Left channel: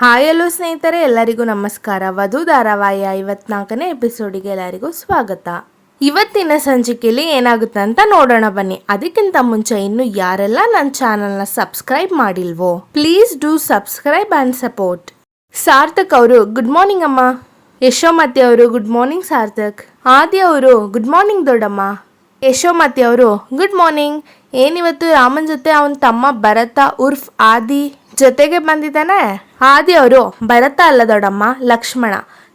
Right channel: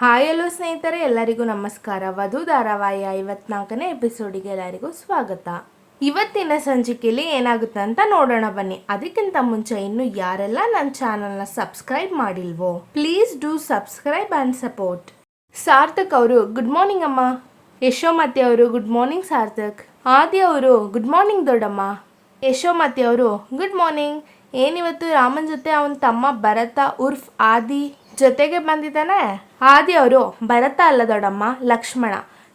Hi hello ಸ್ನೇಹಿತರೆ, ಎಲ್ಲರಿಗೂ ನಮಸ್ಕಾರ. ವಧು ಧಾರಾವಾಹಿಯ 54ನೇ ಎಪಿಸೋಡಿಗೆ ಎಲ್ಲರಿಗೂ ಸ್ವಾಗತ. ಇವತ್ತಿನ ಸಂಚಿಕೆಯಲ್ಲಿ ಏನಾಗುತ್ತೆ ಅಂತ ನೋಡೋಣ ಬನ್ನಿ. ಅದಕ್ಕಿಂತ ಮುಂಚೆ ಇನ್ನು ಯಾರೆಲ್ಲ ನನ್ನ ಚಾನಲ್ನ ಸಬ್ಸ್ಕ್ರೈಬ್ ಮಾಡಿಲ್ವೋ please do subscribe and support. Sarthak ಅವರು ಗುಡ್ ಮಾರ್ನಿಂಗ್ ಅಮ್ಮ. ಯಶೋಮತಿ ಅವರು ಗುಡ್ ಮಾರ್ನಿಂಗ್ ಸಾರ್ಥಕ್. ಆದಿ ಅವರು ಗುಡ್ ಮಾರ್ನಿಂಗ್ ದೊಡ್ಡಮ್ಮ. ಯಶೋಮತಿ ಅವರು ಗುಡ್ ಮಾರ್ನಿಂಗ್. ಏನಿವತ್ತು ರಾಮನ್ ಜೊತೆ ಅವನ ತಮ್ಮ ಭರತ ಉರ್ಫ್ ಆದಿ ಜೊತೆಗೆ ಬಂದಿದ್ದಾನೆ. ಆದಿ ಅವರು ಭರತ ಅಲ್ಲ ದೊಡ್ಡಮ್ಮ, ಲಕ್ಷ್ಮಣ.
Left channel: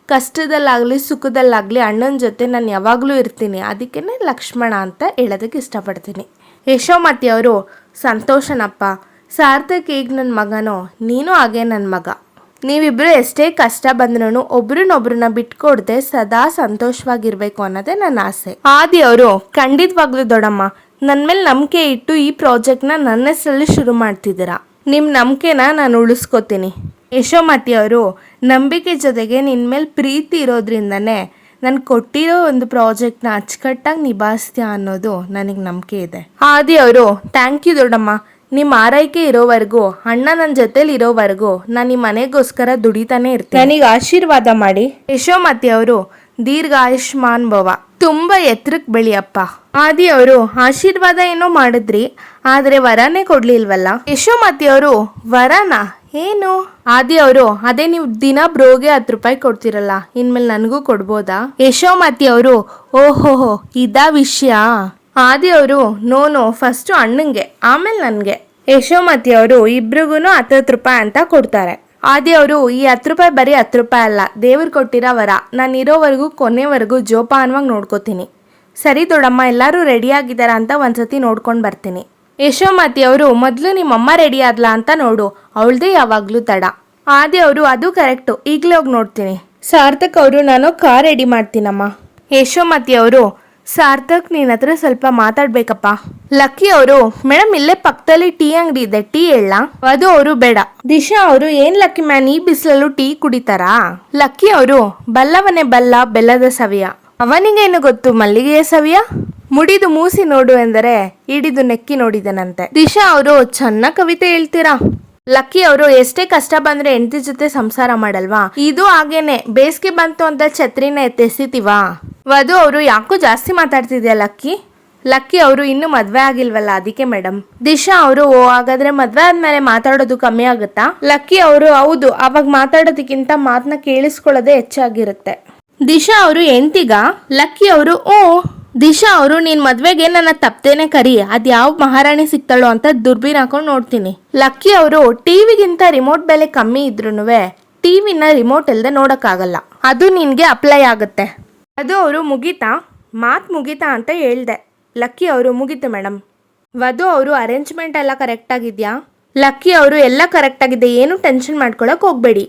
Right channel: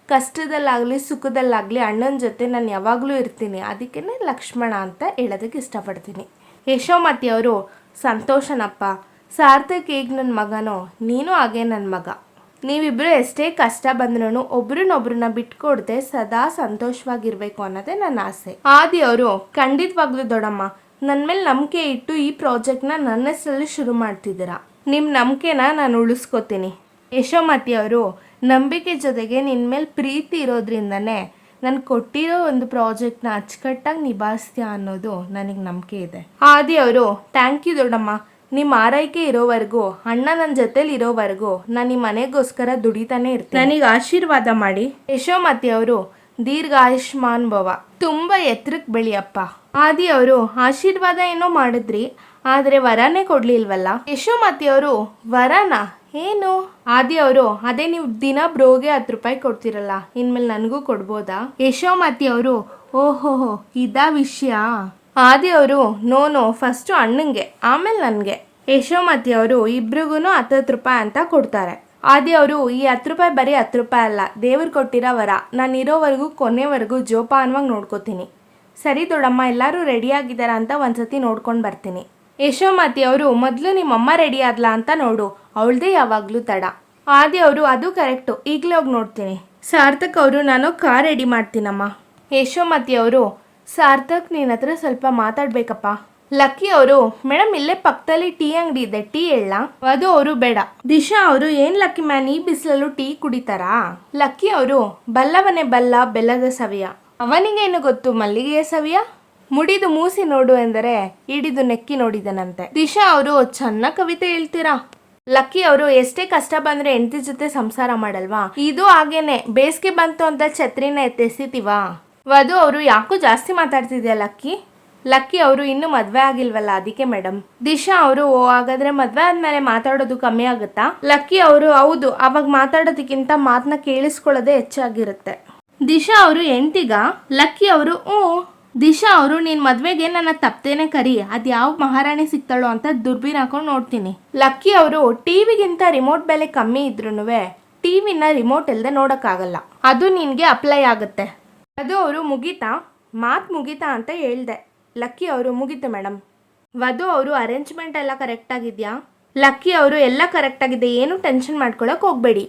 ಕಷ್ಟದಲ್ಲಾಗಲಿ ಸುಖದಲ್ಲಾಗಲಿ ಅಣ್ಣನ ಜೊತೆ ನಾನು ಯಾವಾಗಲೂ ಇರ್ತೀನಿ, ಅದಕ್ಕೇ ಲಕ್ಷ್ಮಣ ಅಂತ ಹೇಳೋದಕ್ಕೆ ಇಷ್ಟಪಡ್ತೀನಿ. ಯಶೋಮತಿ ಅವರು ಸಂತೋಷನಪ್ಪ. ಸಾರ್ಥಕ್ ಈಗ ನನ್ನ ಮಗನೋ, ನೀನು ಹಾಗೆ ನನ್ನ ಮಗ. ನೀವಿಬ್ಬರು ಎಷ್ಟೇ ಕಷ್ಟ ಬಂದ್ರೂ ಒಬ್ರನ್ನೊಬ್ರನ್ನ ಬಿಟ್ಕೊಡ್ದೆ ಸದಾ ಸಂತೋಷವಾಗಿರ್ಬೇಕು ಅನ್ನೋದೇ ನನ್ನ ಆಸೆ. ಆದಿ ಅವರು ಖಂಡಿತವಾಗ್ಲೂ ದೊಡ್ಡಮ್ಮ, ನನ್ನ ಮೇಲೆ ನಂಬಿಕೆ ಇಟ್ಟು ಈ ಪ್ರಾಜೆಕ್ಟ್ನ ನನ್ನ ಹೆಸರಲ್ಲಿ ಶುರು ಮಾಡ್ತಿದ್ದೀರಾ. ನಿಮ್ಮ ನಂಬಿಕೆನ ನಾನು ಉಳಿಸ್ಕೋತೀನಿ. ಯಶೋಮತಿ ಅವರು ನಂಬಿಕೆ ಜೊತೆಗೆ ನಿನ್ನ ಮೇಲೆ ಪ್ರೀತಿ ಇರೋದ್ರಿಂದನೇ ನಾನು ಕೊಟ್ಟಿರೋ ಒಂದು ಪ್ರಾಜೆಕ್ಟ್ನ ಅಚ್ಚುಕಟ್ಟಾಗಿ ನಿಭಾಯಿಸ್ತೀಯ ಅನ್ನೋದು ನನಗೆ ನಂಬಿಕೆ ಇದೆ. ಆದಿ ಅವರು ಥ್ಯಾಂಕ್ ಯು ದೊಡ್ಡಮ್ಮ. ನಿಮ್ಮ ಆರೈಕೆ ಇರೋವರೆಗೂ, ಅಣ್ಣ ನನ್ನ ಜೊತೆಲಿ ಇರೋವರೆಗೂ ನಾನು ನಿಮ್ಮ ಮನೆಗೋಸ್ಕರ ದುಡಿತಾನೆ ಇರ್ತೀನಿ. ನನಗೆ ಆಶೀರ್ವಾದ ಮಾಡಿ. ಯಶೋಮತಿ ಅವರು ದೀರ್ಘ ಆಯುಷ್ಮಾನ್ ಭವ, ತುಂಬ ಎತ್ತರಕ್ಕೆ ಬೆಳೆಯಪ್ಪ. ಆದಿ ಅವರು ಆಶೀರ್ವಾದ ಏನೋ ಮಾಡಿದ್ರಿ, ಆದರೆ ವರನೇ ಕೊಡ್ಲಿಲ್ವಲ್ಲ. ಯಶೋಮತಿ ಅವರು ವರನ ಏನು? ಆದಿ ಅವರು ಅದೇ ನೀವು ದಿನ ಬ್ರೋಗೆ 10 ರೂಪಾಯಿ ಕೊಡ್ತಿರಲ್ಲ, ಇನ್ಮೇಲೆ ನನಗೂ ಕೊಡ್ಬೋದಾ? ಯಶೋಮತಿ ಅವರು ಓಹೋಹೋ ಇದಾ ವಿಷಯ. ಆದಿ ಅವರು ನೋ ಫಸ್ಟು ಅಣ್ಣಂಗೆ ಆಮೇಲೆ ನನಗೆ. ಯಶೋಮತಿ ಅವರು ಇಬ್ರಿಗೂ 10 ರೂಪಾಯಿ ಅಂತ ಕೊಡ್ತಾರೆ. ಆದಿ ಅವರು ಈ 10 ರೂಪಾಯಿ ಬರೀ 10 ರೂಪಾಯಿ ಅಲ್ಲ, ದೇವ್ರು ಕೊಟ್ಟಿರೋ ವರ. ನಾನು ಇರೋವರೆಗೂ ಕೊನೆವರೆಗೂ ಜೋಪಾನವಾಗಿ ನೋಡ್ಕೋತೀನಿ. ಸರಿ ದೊಡ್ಡಮ್ಮ, ಎಲ್ಲರೂ ರೆಡಿ ಆಗಿದ್ದಾರಾ ಅಂತ ಒಂದ್ಸತಿ ನೋಡ್ಕೊಂಡು ಬರ್ತೀನಿ. ಯಶೋಮತಿ ಅವರು ಮೊದಲು ನಿಮ್ಮಮ್ಮ ರೆಡಿ ಆದ್ಲಾ ಅಂತ ನೋಡು, ಅವಳದೇ ಯಾವಾಗಲೂ ತಡ. ಆದಿ ಅವರು ಅದು ಕರೆಕ್ಟು, ಈಗಲೇ ಹೋಗಿ ನೋಡ್ತೀನಿ. ಸಾರ್ಥಕ್ ಅವರು ನಾನು ಕಾರ್ ರೆಡಿ ಮಾಡ್ತೀನಮ್ಮ. ಯಶೋಮತಿ ಅವರು ಸಾರ್ಥಕ್ ನಿನ್ನ ಹತ್ರ ಸ್ವಲ್ಪ ಮಾತಾಡ್ಬೇಕಪ್ಪ. ಲಕ್ಕಿ ಅವರು ಮೇಡಮ್ ಇಲ್ಲೇ ಪಕ್ಕದಲ್ಲಿ ಟೀ ಅಂಗಡಿ ಇದೆ, ಟೀ ಹೇಳ. ಅದು ಅವರು ಬೇಡ. ದಿಶಾ ಅವರು ಏನ್ ಲಕ್ಕಿ ಮ್ಯಾನ್ ಈ ಬಿಸಿಲಲ್ಲೂ ಟೀ ಕುಡಿತಾರಾ? ಲಕ್ಕಿ ಅವರು ಬಲ್ಲವನೇ ಬಲ್ಲ ಬೆಲ್ಲದ ಸವಿಯ, ಅವನಿಗೇನು ಗೊತ್ತು ಮಲ್ಲಿಗೆಯ ಸವಿಯ. ಮುಡಿದು ಮೂಸಿ ನೋಡು ಎಂದರೆ ಹಿಡಿದು ನೆಕ್ಕಿ ನೋಡಿದನಂತೆ. ದಿಶಾ ಅವರು ಚೆನ್ನಾಗಿ ಕವಿತೆ ಹೇಳ್ತೀರಾ. ಲಕ್ಕಿ ಅವರು ಎಷ್ಟೇ ಕಷ್ಟ ಬಂದ್ರೆ ಹೆಂಡತಿ ಜೊತೆ ಸಂಸಾರ ಮಾಡಲ್ವಾ? ಇದು ಹಾಗೇನೆ, ಬೇಸಿಗೆ ಬಂತು ಅಂತ ಛತ್ರಿನ ಎತ್ತೆಸಿತೀವಾ? ವಧು ಅವರು ಯಾಕೋ ಜಾಸ್ತಿ ಮಾತಾಡ್ತಿದ್ಯಾ ಲಕ್ಕಿ. ಲಕ್ಕಿ ಅವರು ಇನ್ನೂ ಮದ್ವೆ ಆಗಿಲ್ವಲ್ಲ ಅದಕ್ಕೆ ಮೇಡಮ್. ದಿಶಾ ಅವರು ಹಾಗಾದ್ರೆ ಮದ್ವೆ ಆದ್ಮೇಲೆ ಮಾತಾಡೋದು ಕಮ್ಮಿ ಆಗುತ್ತಾ? ಲಕ್ಕಿ ಅವರು ಹೌದು, ಅವಾಗ ಮಾತಾಡೋದಕ್ಕಿಂತ ಮಾತನ್ನ ಕೇಳಿಸ್ಕೊಳ್ಳೋದೇ ಹೆಚ್ಚಾಗಿರುತ್ತೆ. ದಿಶಾ ಅವರು ಎಂತಿಗ? ಲಕ್ಕಿ ಅವರು ದಿಶಾ ಅವರು ನಿನ್ ಮದ್ವೆಗೆ ನನ್ನ ತಪ್ಪದೇನೆ ಕರಿ, ಅದ್ ಯಾವ ಮಹಾರಾಣಿ ಸಿಗ್ತಾಳೋ ಅಂತ ದುರ್ಬೀನ್ ಹಾಕೊಂಡು ನೋಡ್ತೀನಿ. ಲಕ್ಕಿ ಅವರು ಟಿವಿಗಿಂತ ರಿಮೋಟ್ ಬೆಲೆ ಕಮ್ಮಿ ಇದ್ರೂನುವೆ ಟಿವಿನ ರಿಮೋಟ್ ಇಲ್ದೆ ನೋಡಕ್ಕಾಗಲ್ಲ, ಅದು ನಿನ್ಗೆ ಅಪ್ಲೈ ಆಗುತ್ತೆ. ಅದು ಅವರು ಮಾತು ಮುಗೀತಾ ಅಂತ ಹೇಳ್ದೆ. ಲಕ್ಕಿ ಅವರು ಮುಗೀತು ಮೇಡಮ್. ವಧು ಅವರು ಅರೇಂಜ್ಮೆಂಟ್ ಎಲ್ಲ ಕರೆಕ್ಟ್ ಆಗಿದ್ಯಾ? ಲಕ್ಕಿ ಅವರು ಎಲ್ಲ ಕರೆಕ್ಟ್ ಆಗಿದೆ, ಏನು ಟೆನ್ಷನ್ ಮಾಡ್ಕೊಳಕ್ ಹೋಗ್ಬೇಡಿ.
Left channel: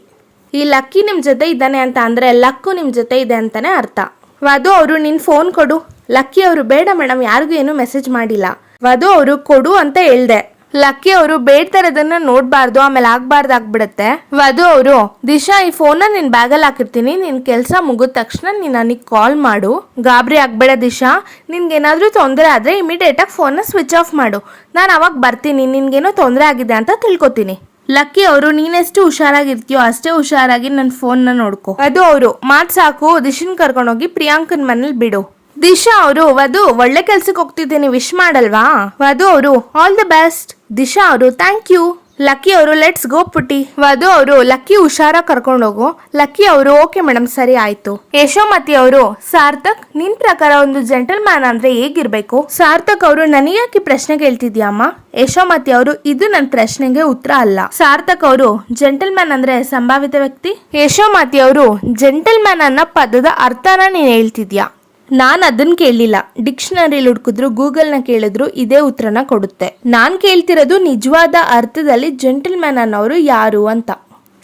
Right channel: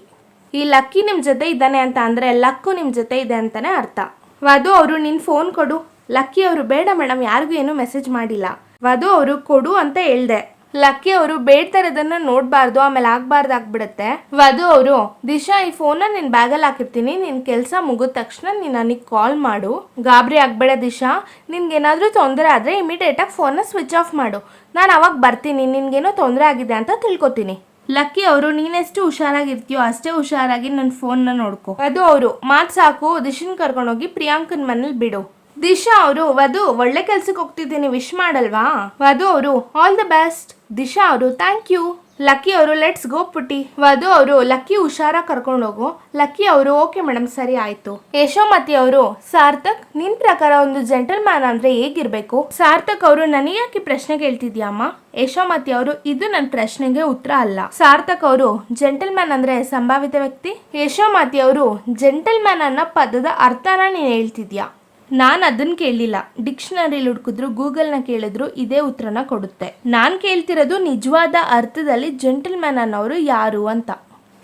ಈ ಲಕ್ಕಿ ನಿಮ್ಮ ಜೊತೆ ಇದ್ದಾನೆ ಅಂತ ಅಂದರೆ ಲಕ್ಕು ನಿಮ್ಮ ಜೊತೆ ಇದೆ ಅಂತಾನೆ ಅರ್ಥ. ವಧು ಅವರು ನಿನ್ನ ಫೋನ್ ಕೊಡು. ಲಕ್ಕಿ ಅವರು ಬೇಡ ಮೇಡಮ್, ಯಾರಿಗೂ ಏನೂ ಮೆಸೇಜ್ ಮಾಡಿಲ್ಲ. ವಧು ಅವರು ಕೊಡು ಅಂತ ಹೇಳ್ದೆ. ಲಕ್ಕಿ ಅವರು ಬೇಡ್ತಾರದನ್ನ ನೋಡಬಾರ್ದು, ಆಮೇಲೆ ಆಗ್ಬಿಡುತ್ತೆ. ವಧು ಅವರು ದಿಶಾ ಈ ಫೋನ್ನ ನಿನ್ನ ಬ್ಯಾಗಲ್ಲಿ ಹಾಕಿರ್ತೀನಿ, ನಿನ್ನ ಕೆಲಸ ಮುಗಿದ ತಕ್ಷಣ ನೀನು ನನಗೆ ಕಾಲ್ ಮಾಡು. ಗಾಬರಿ ಆಗ್ಬೇಡ ದಿಶಾ, ನಿನ್ಗೇನಾದರೂ ತೊಂದರೆ ಆದರೆ ಇಮಿಡಿಯೇಟಾಗಿ ಫೋನ್ನ ಸ್ವಿಚ್ ಆಫ್ ಮಾಡು. ನಾನು ಅವಾಗ ಬರ್ತೀನಿ, ನಿನ್ಗೇನೋ ತೊಂದರೆ ಆಗಿದೆ ಅಂತ ತಿಳ್ಕೊತೀನಿ. ಲಕ್ಕಿ ಅವರು ನೀನೆಷ್ಟು ಹುಷಾರಾಗಿರ್ತೀಯೋ ಅಷ್ಟೇ ಹುಷಾರಾಗಿ ನನ್ನ ಫೋನ್ನ ನೋಡ್ಕೊ. ವಧು ಅವರು ಮಾತು ಸಾಕು, ದಿಶನ್ ಕರ್ಕೊಂಡೋಗಿ ಪ್ರಿಯಾಂಕನ್ ಮನೇಲಿ ಬಿಡು. ದಿಶಾ ಅವರು ವಧು ಒಳ್ಳೆ ಕೆಲ್ಸಕ್ಕೆ ಹೋಗ್ತಿದ್ದೀನಿ, ವಿಶ್ ಮಾಡಲ್ವಾ? ವಧು ಅವರು ಆಲ್ ದಿ ಬೆಸ್ಟ್. ದಿಶಾ ಅವರು ಥ್ಯಾಂಕ್ ಯು. ಲಕ್ಕಿ ಅವರು ಲೆಟ್ಸ್ ಗೋ ಪುಟ್ಟಿ. ವಧು ಅವರು ಲಕ್ಕಿ ಹುಷಾರಾಗಿ ಕರ್ಕೊಂಡೋಗು. ಲಕ್ಕಿ ಅವರು ಓಕೆ ಮೇಡಮ್, ಸರಿ ಆಯ್ತು. ಯಶೋಮತಿ ಅವರು ಸಾರ್ಥಕ್ ನಿನ್ ಪ್ರಕಾರ ಒಂದು ಜೆಂಟಲ್ ಮ್ಯಾನ್ ಅಂದ್ರೆ ಹೇಗಿರ್ಬೇಕು? ಸಾರ್ಥಕ್ ಅವರು ನನಗ್ಯಾಕೆ ಪ್ರಶ್ನೆ ಕೇಳ್ತಿದ್ಯಮ್ಮ? ಯಶೋಮತಿ ಅವರು ಇದು ನನ್ನ ಪ್ರಶ್ನೆಗೆ ಉತ್ತರ ಅಲ್ಲ. ಸಾರ್ಥಕ್ ಅವರು ಜೆಂಟಲ್ ಮ್ಯಾನ್ ಅಂದ್ರೆ ಸಂಭಾವಿತ ವ್ಯಕ್ತಿ. ಯಶೋಮತಿ ಅವರು ಜೆಂಟಲ್ ಮ್ಯಾನ್ ಅನ್ನೋ ಪದದ ಅರ್ಥನ ನೀನ್ ಹೇಳ್ತಿದ್ಯಾ? ನಾನು ಅದನ್ನ ಕೇಳಲಿಲ್ಲ. ಡಿಕ್ಷನರಿಲಿ ಹುಡುಕಿದ್ರು, ಗೂಗಲ್ನ ಕೇಳಿದ್ರು ಇದೇ ಉತ್ತರನ ಕೊಡುತ್ತೆ. ನಾನು ಕೇಳ್ತಿರೋದು ನಿಜವಾದ ಅರ್ಥದಲ್ಲಿ ಜೆಂಟಲ್ ಮ್ಯಾನ್ ಅನ್ನೋರು ಯಾರು ಅಂತ.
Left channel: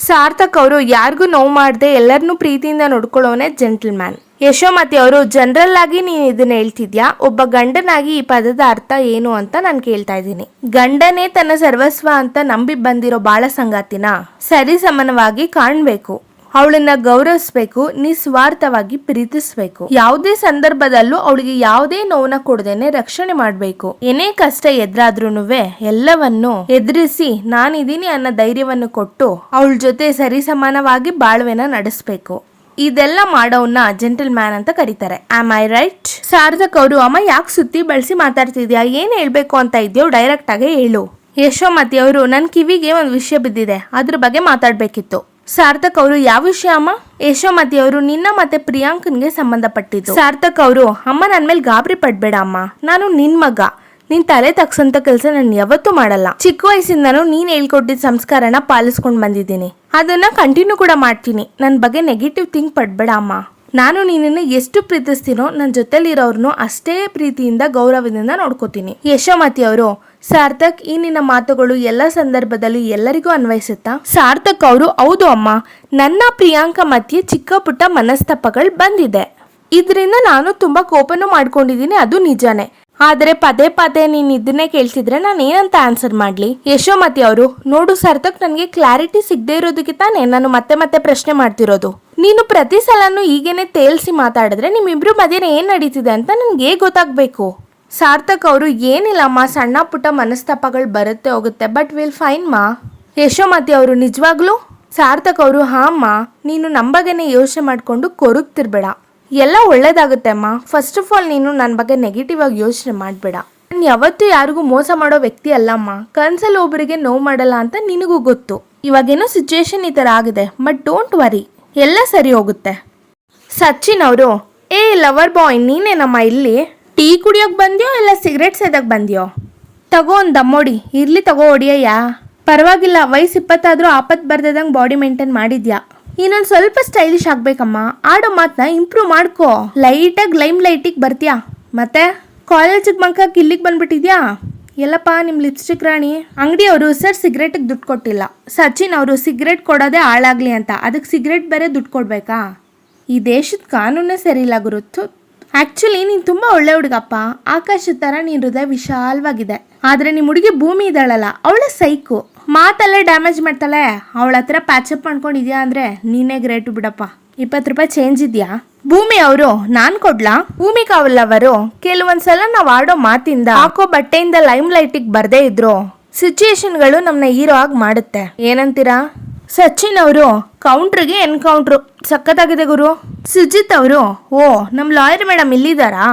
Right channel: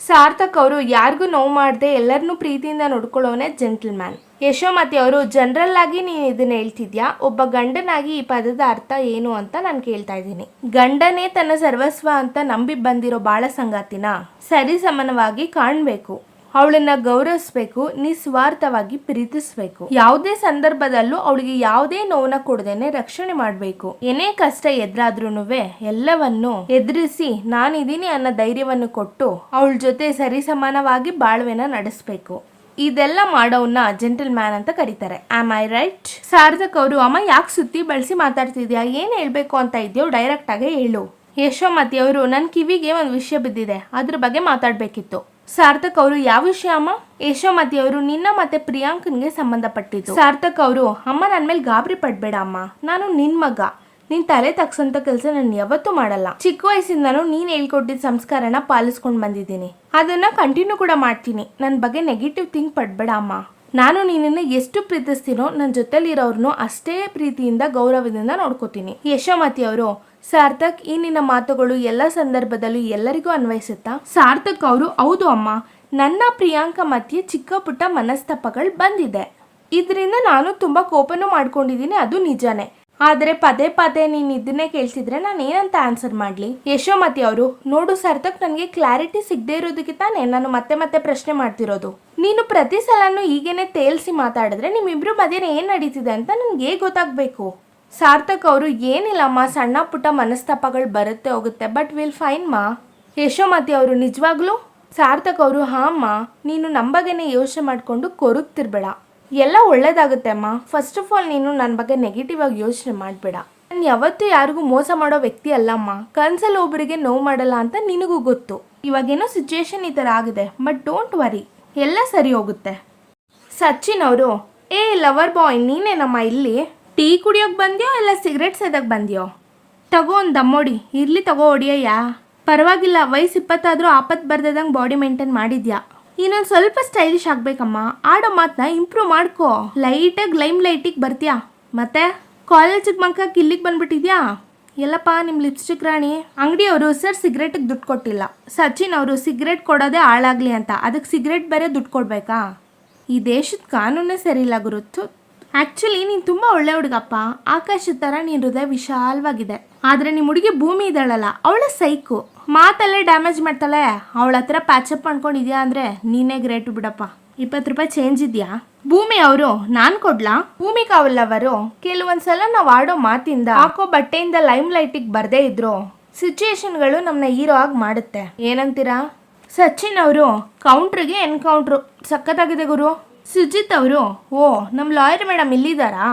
ಸಾರ್ಥಕ್ ಅವರು ಯಾರಿಗೂ ನೋವು ಮಾಡದೆ ಎಲ್ಲರನ್ನೂ ಪ್ರೀತಿಯಿಂದ ನೋಡ್ಕೊಳ್ಳೋನೆ ಜೆಂಟಲ್ ಮ್ಯಾನ್. ಯಶೋಮತಿ ಅವರು ಜನರಲ್ ಆಗಿ ನೀನು ಇದನ್ನ ಹೇಳ್ತಿದ್ಯಾ, ಒಬ್ಬ ಗಂಡನಾಗಿ ಈ ಪದದ ಅರ್ಥ ಏನು ಅಂತ ನಾನು ಕೇಳ್ತಾ ಇದ್ದೀನಿ. ಗಂಡನೇ ತನ್ನ ಸರ್ವಸ್ವ ಅಂತ ನಂಬಿ ಬಂದಿರೋ ಬಾಳ ಸಂಗಾತಿನ ಸರಿ ಸಮಾನವಾಗಿ ಕಾಣ್ಬೇಕು. ಅವಳನ್ನ ಗೌರವಿಸ್ಬೇಕು, ನಿಸ್ವಾರ್ಥವಾಗಿ ಪ್ರೀತಿಸ್ಬೇಕು. ಯಾವುದೇ ಸಂದರ್ಭದಲ್ಲೂ ಅವಳಿಗೆ ಯಾವುದೇ ನೋವನ್ನ ಕೊಡದೇನೆ ರಕ್ಷಣೆ ಮಾಡ್ಬೇಕು. ಏನೇ ಕಷ್ಟ ಎದುರಾದ್ರೂನುವೆ ಎಲ್ಲವನ್ನು ಎದುರಿಸಿ ನಾನಿದ್ದೀನಿ ಅನ್ನೋ ಧೈರ್ಯವನ್ನು ಕೊಟ್ಟು ಅವಳ ಜೊತೆ ಸರಿಸಮಾನವಾಗಿ ಬಾಳ್ವೆನ ನಡೆಸ್ಬೇಕು. ಇದೆಲ್ಲ ಮಾಡೋನ್ನ ಜೆಂಟಲ್ ಮ್ಯಾನ್ ಅಂತ ಕರೀತಾರೆ. Am I right? ಸಾರ್ಥಕ್ ಅವರು, ಅಮ್ಮ ಯಾಕೆ ಸುತ್ತಿ ಬಳಸಿ ಮಾತಾಡ್ತಿದ್ಯಾ, ಏನ್ ಹೇಳ್ಬೇಕು ಅಂತ ಇದೆಯೋ ಡೈರೆಕ್ಟ್ ಆಗಿ ಹೇಳು. ಯಶೋಮತಿ ಅವರು, ನನ್ ಕಿವಿಗೆ ಒಂದು ವಿಷಯ ಬಿದ್ದಿದೆ, ಅದ್ರ ಬಗ್ಗೆ ಮಾತಾಡ್ಬೇಕಿತ್ತು. ಸಾರ್ಥಕ್ ಅವರು, ಯಾವ ವಿಷಯ ಅಮ್ಮ? ಯಶೋಮತಿ ಅವರು, ನಿನ್ನ ಮತ್ತೆ ಪ್ರಿಯಾಂಕನ್ಗೆ ಸಂಬಂಧಪಟ್ಟಿದ್ದು. ಸಾರ್ಥಕ್ ಅವರು, ಅಮ್ಮ ನನ್ ಮೇಲೆ ಗಾಬರಿ ಪಡ್ಬೇಡ ಅಮ್ಮ, ನಾನು ನಿನ್ ಮಗ, ನಿನ್ ತಲೆ ತಗ್ಸಂತ ಕೆಲಸ ನಾನು ಯಾವತ್ತೂ ಮಾಡಲ್ಲ. ಚಿಕ್ಕ ವಯಸ್ಸಿಂದನೂ ನೀನ್ ಹೇಳ್ಕೊಟ್ಟಿದ್ದ ಸಂಸ್ಕಾರನ ಪಾಲಿಸ್ಕೊಂಡ್ ಬಂದಿದ್ದೀನಿ, ಅದನ್ನ ಕಂಟಿನ್ಯೂ ಕೂಡ ಮಾಡ್ತೀನಿ. ನನ್ ಬಗ್ಗೆ ನೆಗೆಟಿವ್ ಥಿಂಕ್ ಪಡ್ಬೇಡ ಅಮ್ಮ. ನಾನು ನಿನ್ನನ್ನು ಎಷ್ಟು ಪ್ರೀತಿಸ್ತೀನೋ ನನ್ನ ಜೊತೆಲಿರೋರ್ನು ಅಷ್ಟೇ ಪ್ರೀತಿಯಿಂದ ಗೌರವದಿಂದ ನೋಡ್ಕೋತೀನಿ. ಯಶೋಮತಿ ಅವರು, ಸಾರ್ಥಕ್, ಈ ನಿನ್ನ ಮಾತುಗಳು ಎಲ್ಲ ಸಂದರ್ಭದಲ್ಲೂ ಎಲ್ಲರಿಗೂ ಅನ್ವಯಿಸುತ್ತಾ? ಸಾರ್ಥಕ್ ಅವರು, ಹೌದು ಅಮ್ಮ, ನನ್ನ ಪ್ರಿಯಾಂಕ ಮಧ್ಯೆ ಚಿಕ್ಕ ಪುಟ್ಟ ಮನಸ್ತಾಪಗಳು ಬಂದಿದೆ. ಇದರಿಂದ ನಾನು ತುಂಬಾ ಕೋಪನೂ ಮಾಡ್ಕೊಂಡಿದ್ದೀನಿ, ಅದು ನಿಜಾನೇ. ಆದ್ರೆ ಪದೇ ಪದೇ ನೀನ್ ಇದನ್ನೇ ಕೇಳ್ತಿದ್ರೆ ನಾನು ಏನಂತ ಆನ್ಸರ್ ಮಾಡ್ಲಿ? ಯಶೋಮತಿ ಅವರು, ನೋಡು ಸಾರ್ಥಕ್, ನನಗೆ ಕ್ಲಾರಿಟಿ ಸಿಗದೆ ಇರೋದಕ್ಕೆ ತಾನೇ ನಾನು ಮತ್ತೆ ಮತ್ತೆ ಪ್ರಶ್ನೆ ಮಾಡ್ತಿರೋದು. ನೀನು ಪ್ರತಿ ಸಲನೂ ಈಗೇನೆ ತೇಲ್ಸಿ ಮಾತಾಡಿದ್ರೆ ನಿಮ್ಮಿಬ್ರು ಮಧ್ಯೆ ಏನ್ ನಡೀತಿದೆ ಅಂತ ನನ್ಗೆ ಗೊತ್ತಾಗ್ಬೇಕು. ಸಾರ್ಥಕ್ ಅವರು, ಏನಿಲ್ಲಮ್ಮ, ಸಣ್ಣ ಪುಟ್ಟ ಮನಸ್ತಾಪಗಳು ಬರುತ್ತೆ ಹೋಗುತ್ತೆ, ಬಟ್ ವಿಲ್ ಫೈನ್ ಮಾ. ಯಶೋಮತಿ ಅವರು, ನಿಜವಾಗ್ಲೂ? ಸಾರ್ಥಕ್ ಅವರು, ಹಾ ಅಮ್ಮ, ನೀನು ನಮ್ಮ ಬಗ್ಗೆನೇ ಯೋಚನೆ ಮಾಡ್ಕೊಂಡು ಕೊರಗ್ತಿರ್ಬೇಡ, ಎಲ್ಲ ಒಳ್ಳೇದಾಗುತ್ತೆ ಅಮ್ಮ. ಫಸ್ಟ್ ಆಫ್ ಆಲ್ ನೀನು ನನ್ನ ಬಗ್ಗೆ ನೆಗೆಟಿವ್ ಆಗಿ ಯೋಚನೆ ಮಾಡಬೇಡ. ನಾನು ಯಾವತ್ತೂ ಯಾರಿಗೂ ಮೋಸ ಮಾಡೋ ವ್ಯಕ್ತಿ ಅಲ್ಲಮ್ಮ. ಕನ್ಸಲ್ಲಿ ಒಬ್ಬರಿಗೆ ನೋವು ಮಾಡಲ್ಲ ಅಂತ ನಿನಗೂ ಗೊತ್ತು. ಇವಾಗೇನೋ ಸಿಚುವೇಶನ್ ಈ ಥರ ಆಗಿದೆ, ಬಟ್ ಡೋಂಟ್ ವರಿ, ಎಲ್ಲ ಸರಿ ಹೋಗುತ್ತೆ. ಸಚಿನ್ ಅವರು, ಏ ಲವರ್ ಬಾಯ್, ನೀನೇನಮ್ಮ ಇಲ್ಲಿ? ಟೀ ಕುಡಿಯೋಕೆ ಬಂದ್ಯೋ ಇಲ್ಲ ಸಿಗರೇಟ್ ಸೇದಕ್ಕೆ ಬಂದ್ಯೋ? ತಗೋ ಒಂದು ದಮ್ಮೋಡಿ, ಇರ್ಲಿ ತಗೋ ಹೊಡಿಯಯ್ಯ, ಪರವಾಗಿಲ್ಲ, ವಯಸ್ಸು 20 ಆದ್ರೂ ಆಪತ್ ಬರ್ದಂಗೆ ಬಾಡಿ ಮೇಂಟೈನ್ ಮಾಡಿದ್ಯಾ. ಇನ್ನೊಂದು ಸ್ವಲ್ಪ ಸ್ಟೈಲಿಶ್ ಆಗ್ಬೇಕಮ್ಮ, ಆಡೋ ಮಾತನ್ನ ಇಂಪ್ರೂವ್ ಮಾಡ್ಕೋ. ಲೈಟಾಗಿ ಲೈಟಿಗೆ ಬರ್ತೀಯಾ, ಮತ್ತೆ ಕಾಲೇಜಿಗೆ ಬಂಕಾಕಿ ಇಲ್ಲಿಗೆ ಬಂದ್ಬಿಟ್ಟಿದ್ಯಾ? ಎಲ್ಲಪ್ಪ ನಿಮ್ಮ ಲಿಪ್ಸ್ಟಿಕ್ ರಾಣಿ. ಅಂಗಡಿಯವರು, ಸರ್ ಸಿಗರೇಟಿಗೆ ದುಡ್ಡು ಕೊಟ್ಟಿಲ್ಲ. ಸಚಿನ್ ಅವರು, ಸಿಗರೇಟ್ ಕೊಡೋದೇ ಹಾಳಾಗ್ಲಿ ಅಂತ, ಅದಕ್ಕೆ ಸಿಗರೇಟ್ ಬೇರೆ ದುಡ್ಡು ಕೊಡ್ಬೇಕಾ? ಈ ದೇಶದ ಕಾನೂನೇ ಸರಿ ಇಲ್ಲ ಗುರುತು. ಆ್ಯಕ್ಚುಲಿ ನೀನು ತುಂಬ ಒಳ್ಳೆ ಹುಡುಗಪ್ಪ, ಆಕಾಶದ ಥರ ನೀನು ಹೃದಯ ವಿಶಾಲವಾಗಿದೆ. ಆದರೆ ನಿಮ್ಮ ಹುಡುಗಿ ಭೂಮಿ ಇದ್ದಾಳಲ್ಲ, ಅವಳ ಸೈಕು, ಮಾತಲ್ಲೇ ಡ್ಯಾಮೇಜ್ ಮಾಡ್ತಾಳೆ. ಅವಳ ಹತ್ರ ಪ್ಯಾಚಪ್ ಮಾಡ್ಕೊಂಡಿದ್ಯಾ ಅಂದರೆ ನೀನೇ ಗ್ರೇಟು ಬಿಡಪ್ಪ. 20 ರೂಪಾಯಿ ಚೇಂಜ್ ಇದೆಯಾ? ಭೂಮಿ ಅವರು, ನಾನು ಕೊಡ್ಲಾ? ಭೂಮಿಕಾ ಅವಲ್ಲವರು, ಕೆಲವೊಂದ್ಸಲ ನಾವು ಆಡೋ ಮಾತಿಂದ, ಹಾಕೋ ಬಟ್ಟೆಯಿಂದ ಲೈಮ್ ಲೈಟಿಗೆ ಬರ್ದೇ ಇದ್ರು ಸಿಚುಯೇಷನ್ಗಳು ನಮ್ಮನ್ನ ಹೀರೋ ಆಗಿ ಮಾಡುತ್ತೆ. ಏನಂತೀರಾ? ಸಚಿನ್ ಅವರು, ಕೌಂಟ್ರಿಗೆ ಎನ್ಕೌಂಟ್ರು ಸಖತ್ತಾಗಿದೆ ಗುರು. ಸುಜಿತ್ ಅವರು, ಓ ನಮ್ಮ ಲಾಯರ್ ಮೇಡಮ್ ಇಲ್ಲಿದ್ದಾರಾ?